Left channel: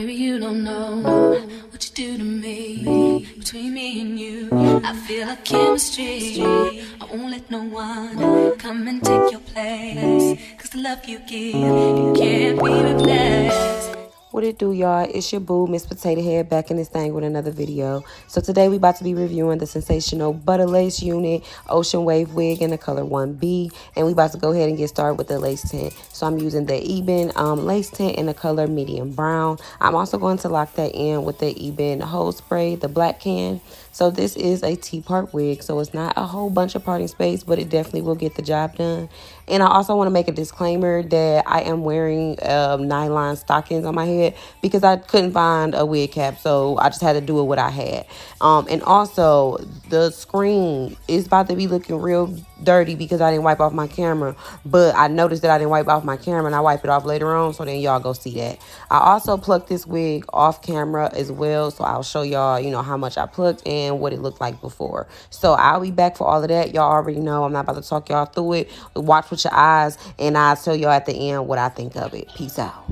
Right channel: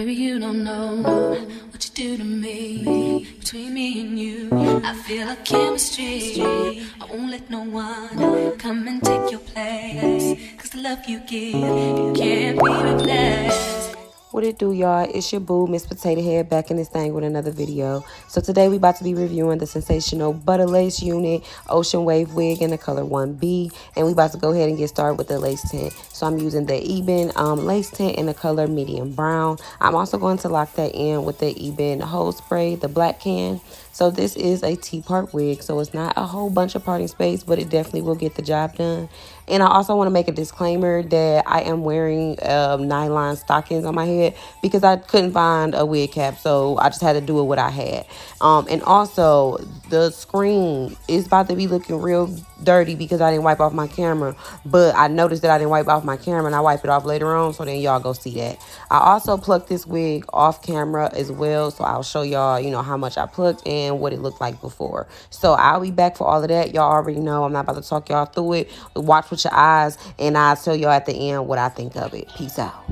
Baby, you don't know what you do to me. Between me and you, I feel a chemistry. I won't let no one come and take your place. Cause the love you give, you can't be replaced. What it do, y'all? It's your boo, Miss Potato Head, back in this thing with another video. So today we about to be reviewing the Sensational Butta Lace Unit Ocean Wave Wig in the color 1B. And we about to go ahead and get started with the lace tint. So I'm using the Ebin lace tint in the color medium brown. I'm also going to lock that in with the Ebin Hose Spray, the black can. So this is a T-part wig, so it's not a whole bunch of parting space, but it definitely will get the job done. And I also want to make a disclaimer that I am wearing nylon stockings on my head because I couldn't find a wig cap, so I just had to do it what I had. And also, the screen is about to be looking real dirty because I didn't wipe off my camera, but I noticed that I didn't wipe off my camera, and I wipe it off later on, so then y'all go see that. I also plucked this wig off camera as well, so I'll show y'all, you know, how much I plucked and what it looked like before. So I'll be back for all of that. Y'all already know I'm not about to talk y'all through it. Watch with your eyes, and I'll tell y'all at the end what I think of it. Peace out.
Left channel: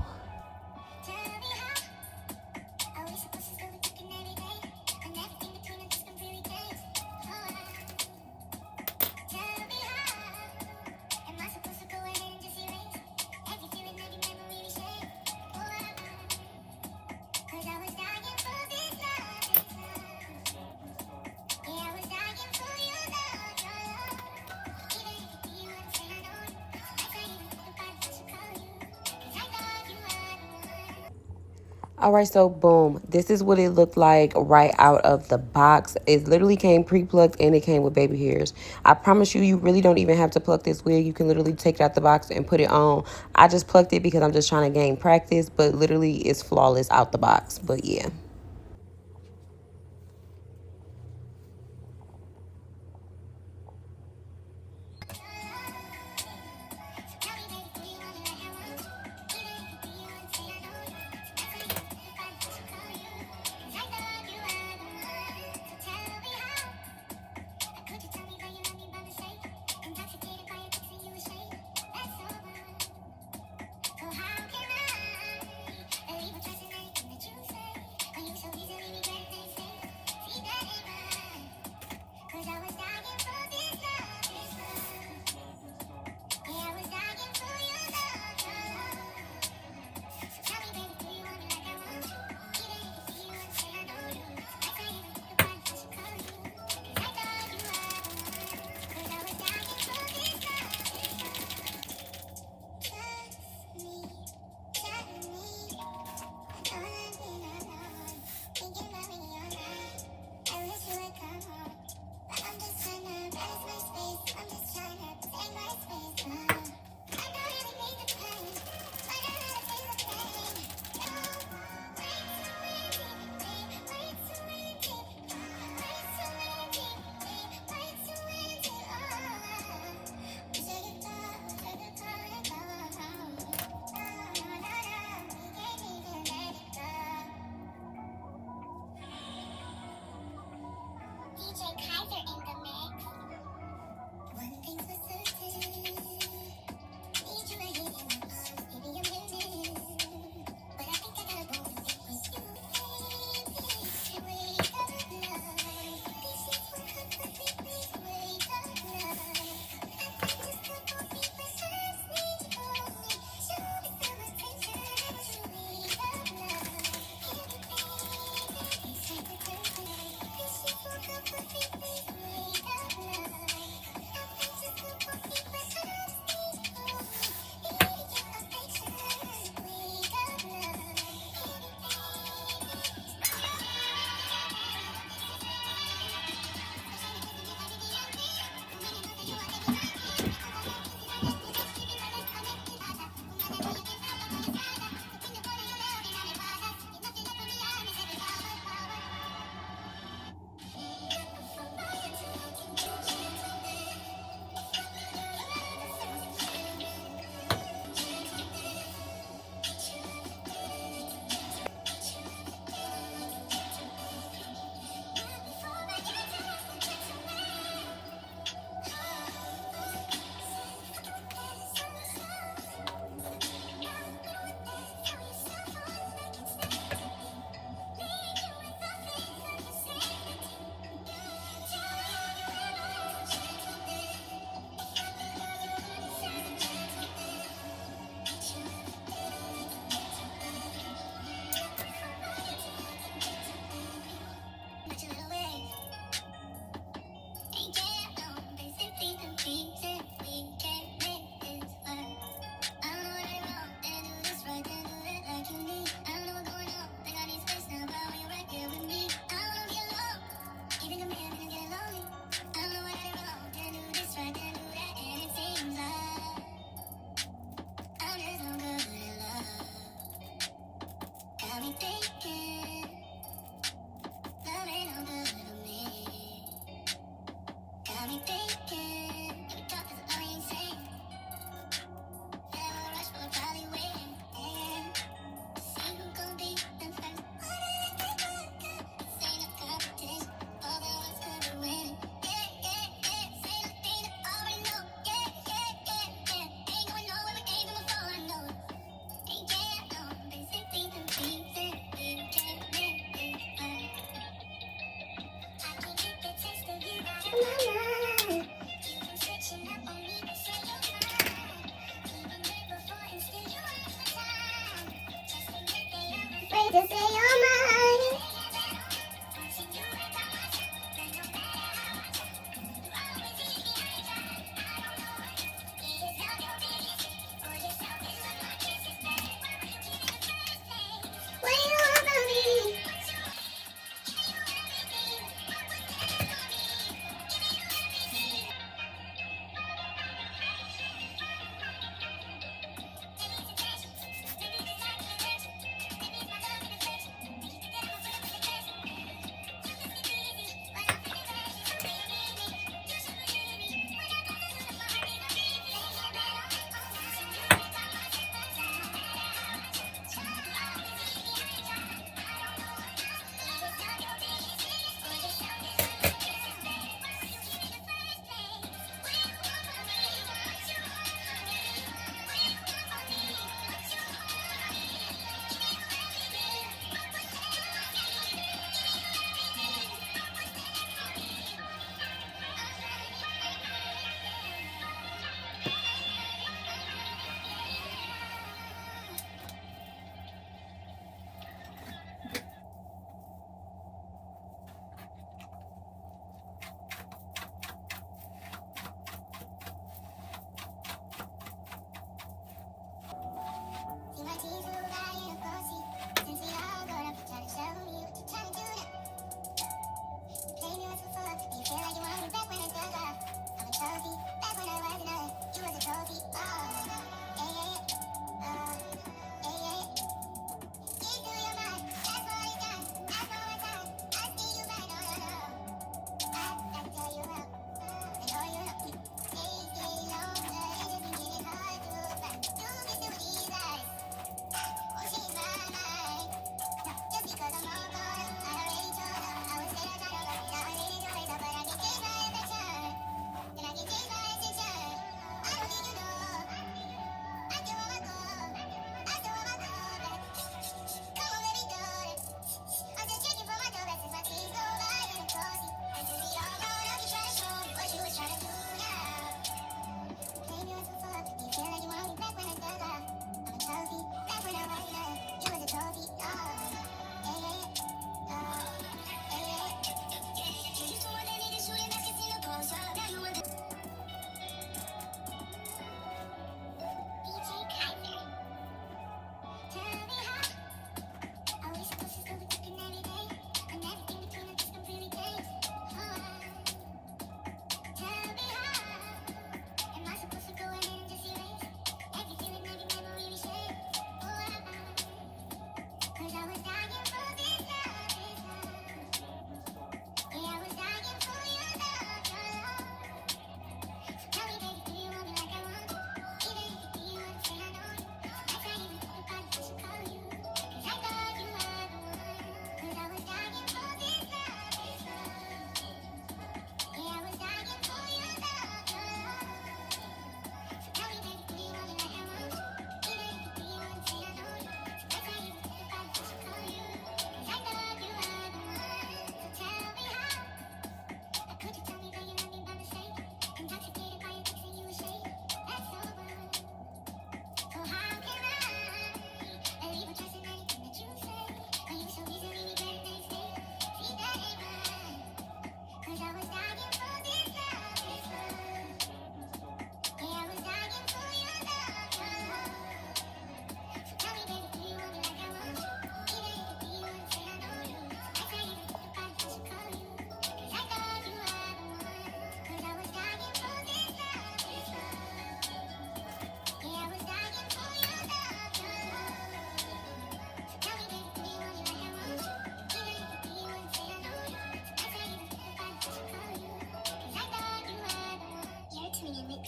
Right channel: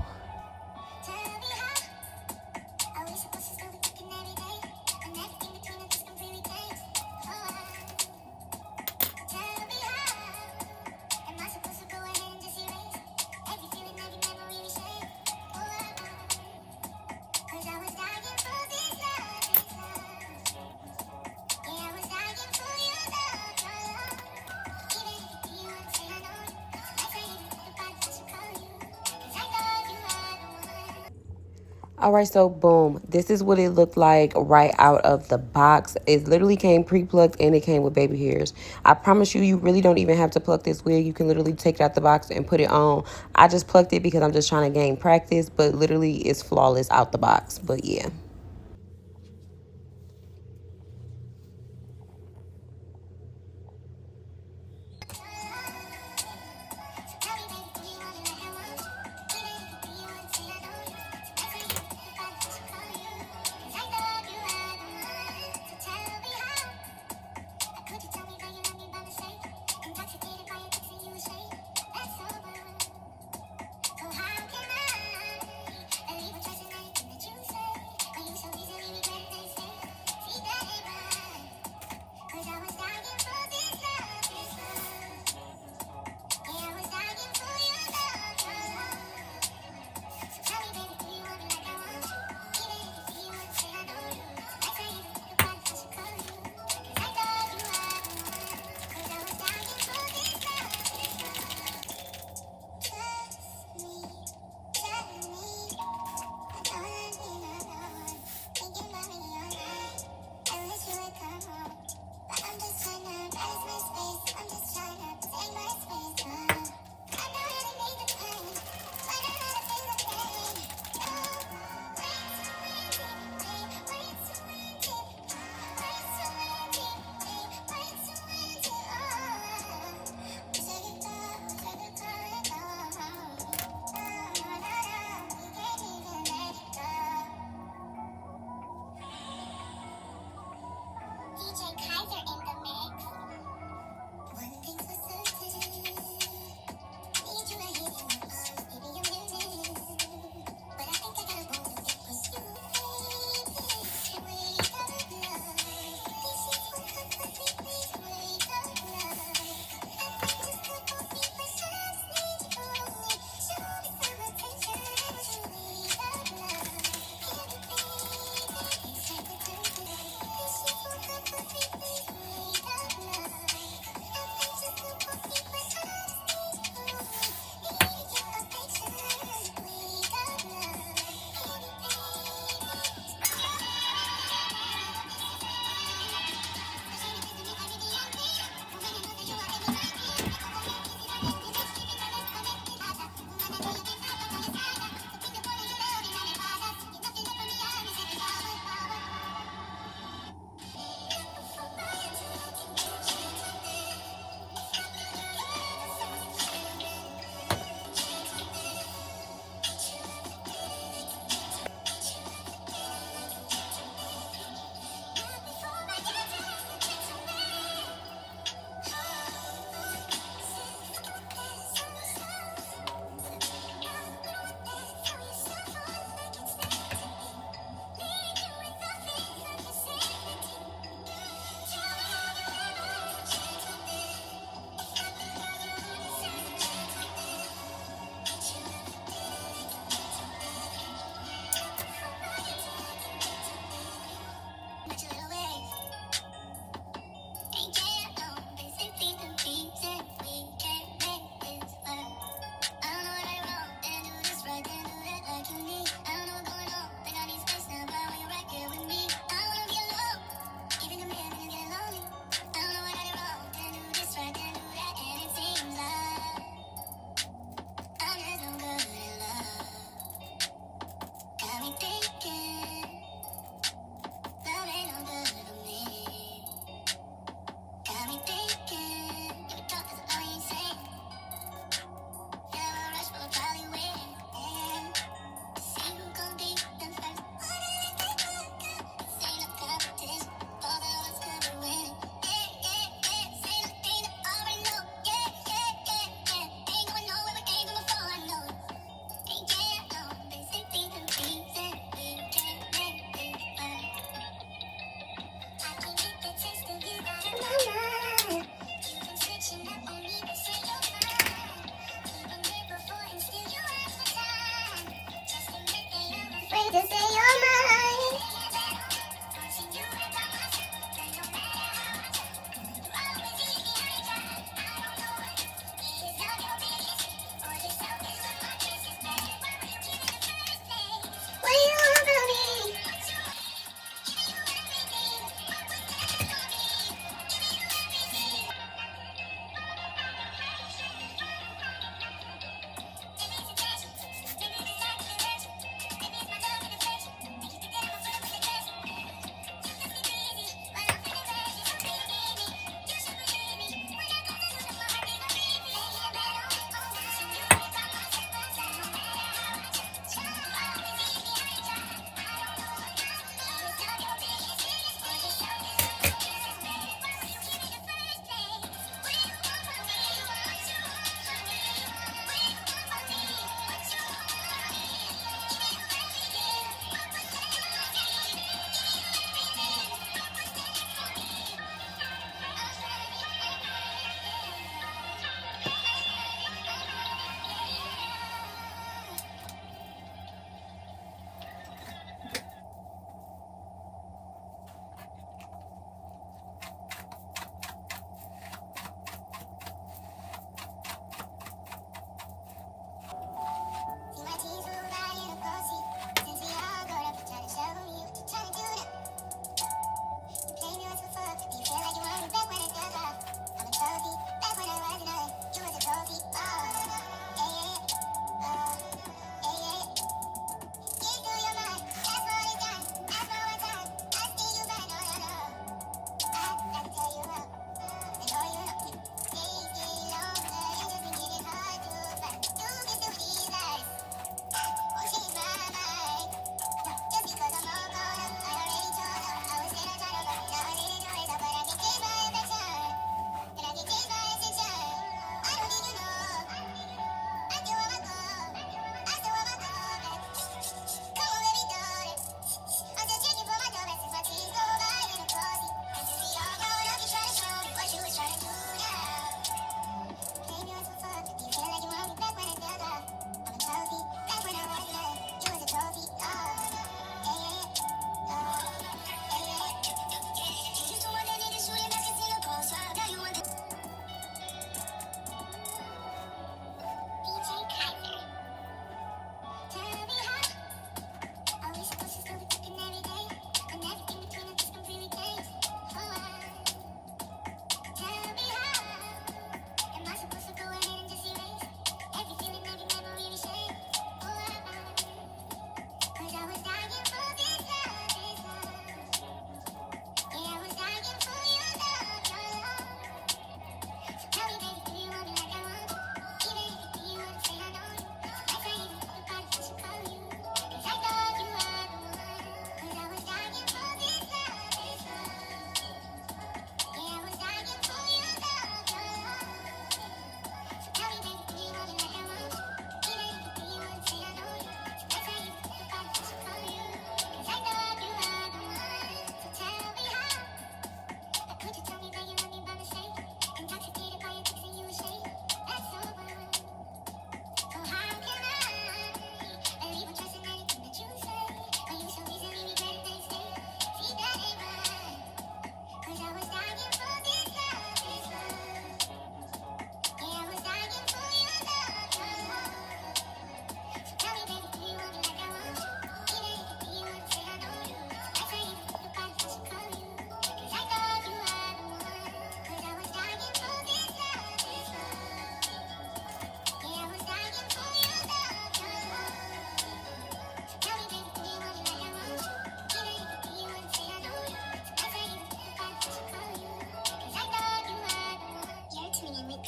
All right, so boom, this is what it looked like right out of the box. It literally came pre-plucked and it came with baby hairs. I promise you, you really don't even have to pluck this wig. You can literally take it out the box and put it on. I just plucked it because I'm just trying to gain practice, but literally it's flawless out the box. But yeah.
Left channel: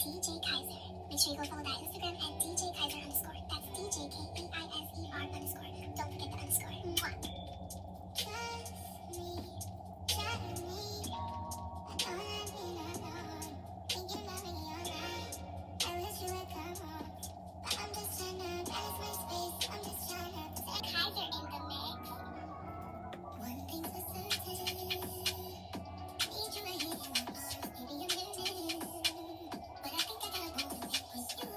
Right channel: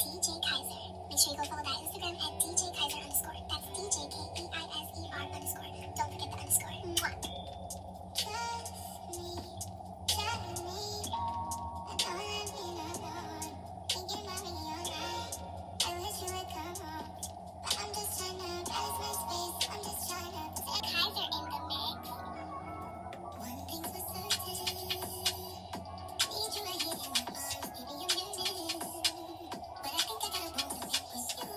DJ Kaiser. Make sure you go follow that Instagram at DJ Kaiser underscore. That's DJ KEISER underscore. Don't forget the underscore. Mwah. Trust me, trust me. I don't want to be alone. Thinking about me all night. I wish you would come home. But I'm just trying to pass my space. I'm just trying to put Kaiser in the mix. One thing's for certain. Need you right here in my arms. Baby, I'm yearning. But I think I gotta go with you.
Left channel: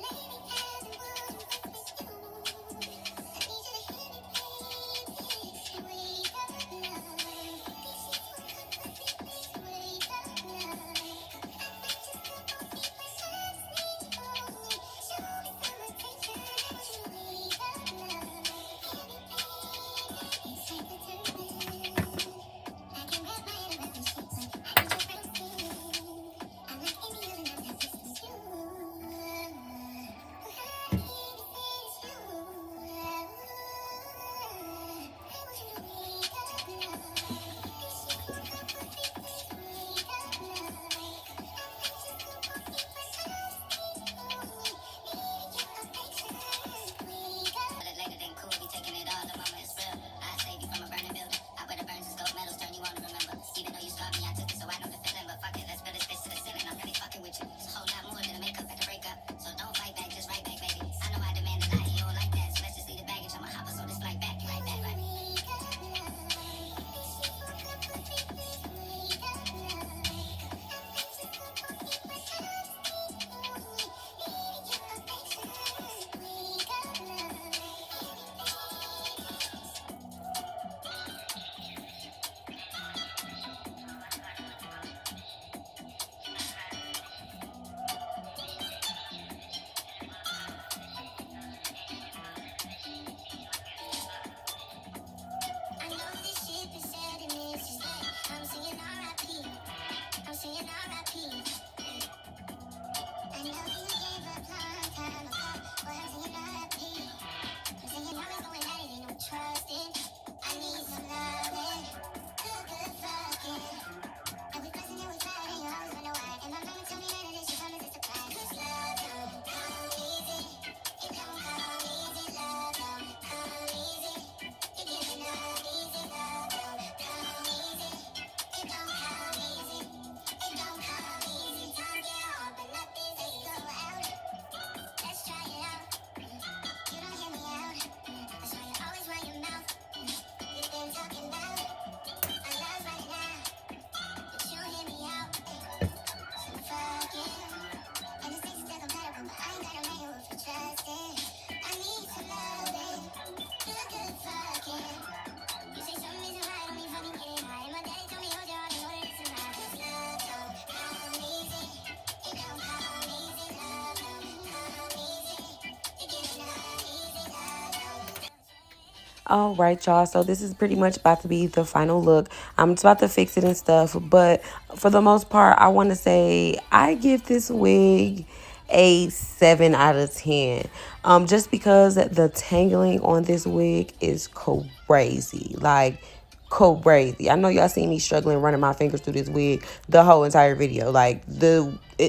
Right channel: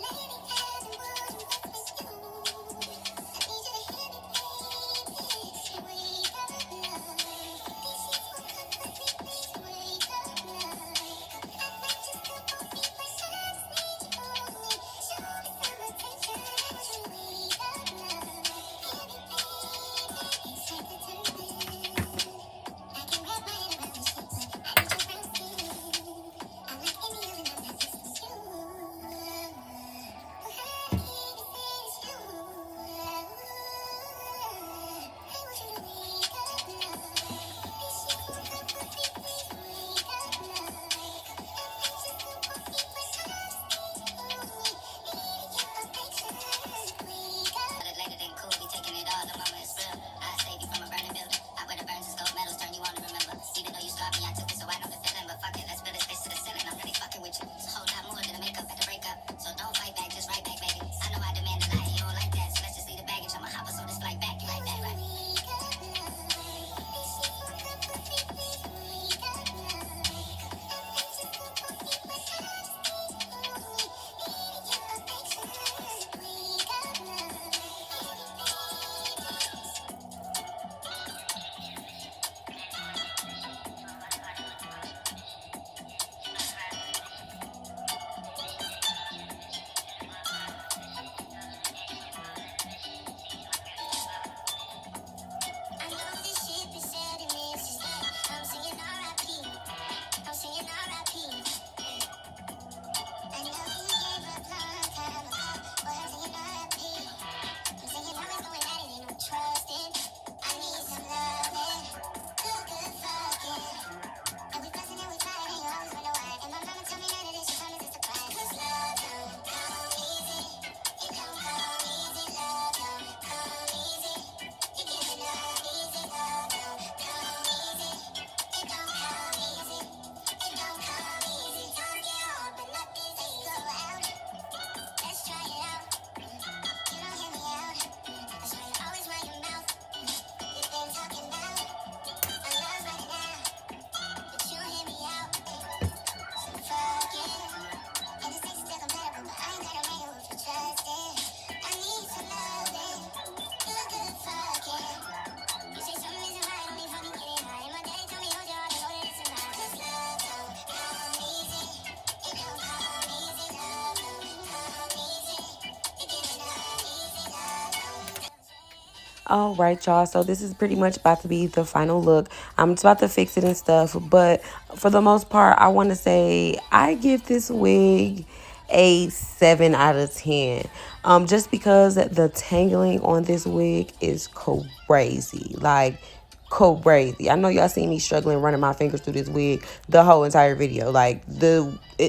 Lady clouds and walls and what's with you. I need you to hear me, baby. Wake up, love. These sheets won't comfort me, please wake up, love. I might just go for me, but I just need you for me. Show me some attention, won't you wake up, love. Hear me, baby. It's time to turn this. I can wrap my head around this shit, but I need your brown skin. I'm like any other man that just was you. But how do you say it's you? I want you to wake up, love. This shit won't comfort me, please wake up, love. I might just go for me, but I just need you for me. Need your affection, wake up. But later than cool, we taking it all. The mama is real. I save you from a burning building. I wear the burns and gold medals, turn you on to remember. Even though you scarred me, I took it, so I know the feeling. But fuck it, let's build this bitch to the ceiling. I'm really fucking with you. It's a whole lot more than a makeup at the breakup. So don't fight back, just right back, baby. I know I demand a lot, and you don't like that. So let's just leave the baggage. I'ma hop us on this flight back, right back, right. Wake up, love. This shit won't comfort me, please wake up, love. I might just go for me, but I just need you for me. Need your affection, wake up, love. I know this ship is setting me. It's just like I'm singing R.I.P. I'm singing R.I.P. I know you gave up long time ago, but I'm singing R.I.P. I'm singing always going at it, ain't no trusting. I need some loving, good fucking. And we fussing and we fighting, and you always wonder why. And my mama tell me that it is she told me just to cry. 'Cause love don't come easy, it don't come easy. Love don't come easy, you give it up easy. Love don't come easy, it don't come easy, it don't come easy. Times get hard, but nothing's easy. Go out, let's try it out. You don't hear me out, that's why you always run your mouth. You've been talking about our love right now, but you hear me out. So fuck it. And this thing's still compatible, but I ain't got a man who for trusting. I need some loving, good fucking. You say something isn't right, only if I can get it high. And my daddy told me hold your heart and know that it's a lie. 'Cause love don't come easy, it don't come easy. Love don't come easy, you give it up easy. Love don't. All right, y'all. So this is pretty much about to be the final look. I'm just about to fix it and stuff. But for the most part, I want to say I give this wig a 7 out of 10. Just because the tangling on this wig is crazy. Like, crazy. I know y'all seen me struggling running my fingers through this wig the whole entire video. Like,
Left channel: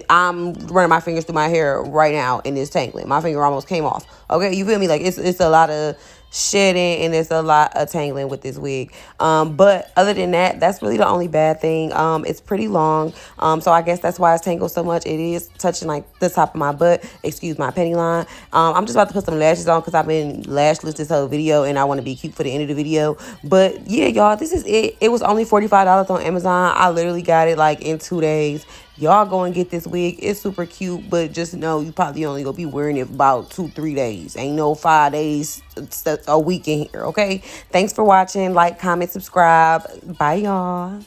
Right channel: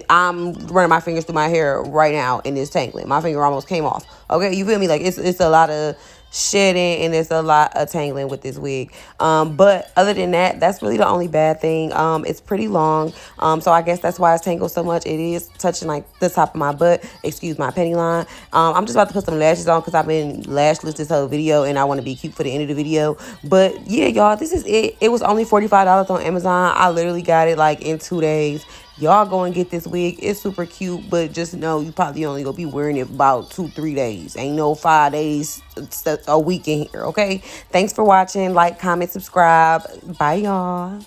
I'm running my fingers through my hair right now and it's tangling. My finger almost came off. Okay, you feel me? Like, it's a lot of shedding and it's a lot of tangling with this wig. But other than that, that's really the only bad thing. It's pretty long. So I guess that's why it's tangled so much. It is touching like the top of my butt. Excuse my penny line. I'm just about to put some lashes on because I've been lashless this whole video and I want to be cute for the end of the video. But yeah, y'all, this is it. It was only $45 on Amazon. I literally got it like in 2 days. Y'all go and get this wig. It's super cute, but just know you probably only gonna be wearing it about 2-3 days. Ain't no 5 days, a week in here, okay? Thanks for watching. Like, comment, subscribe. Bye, y'all.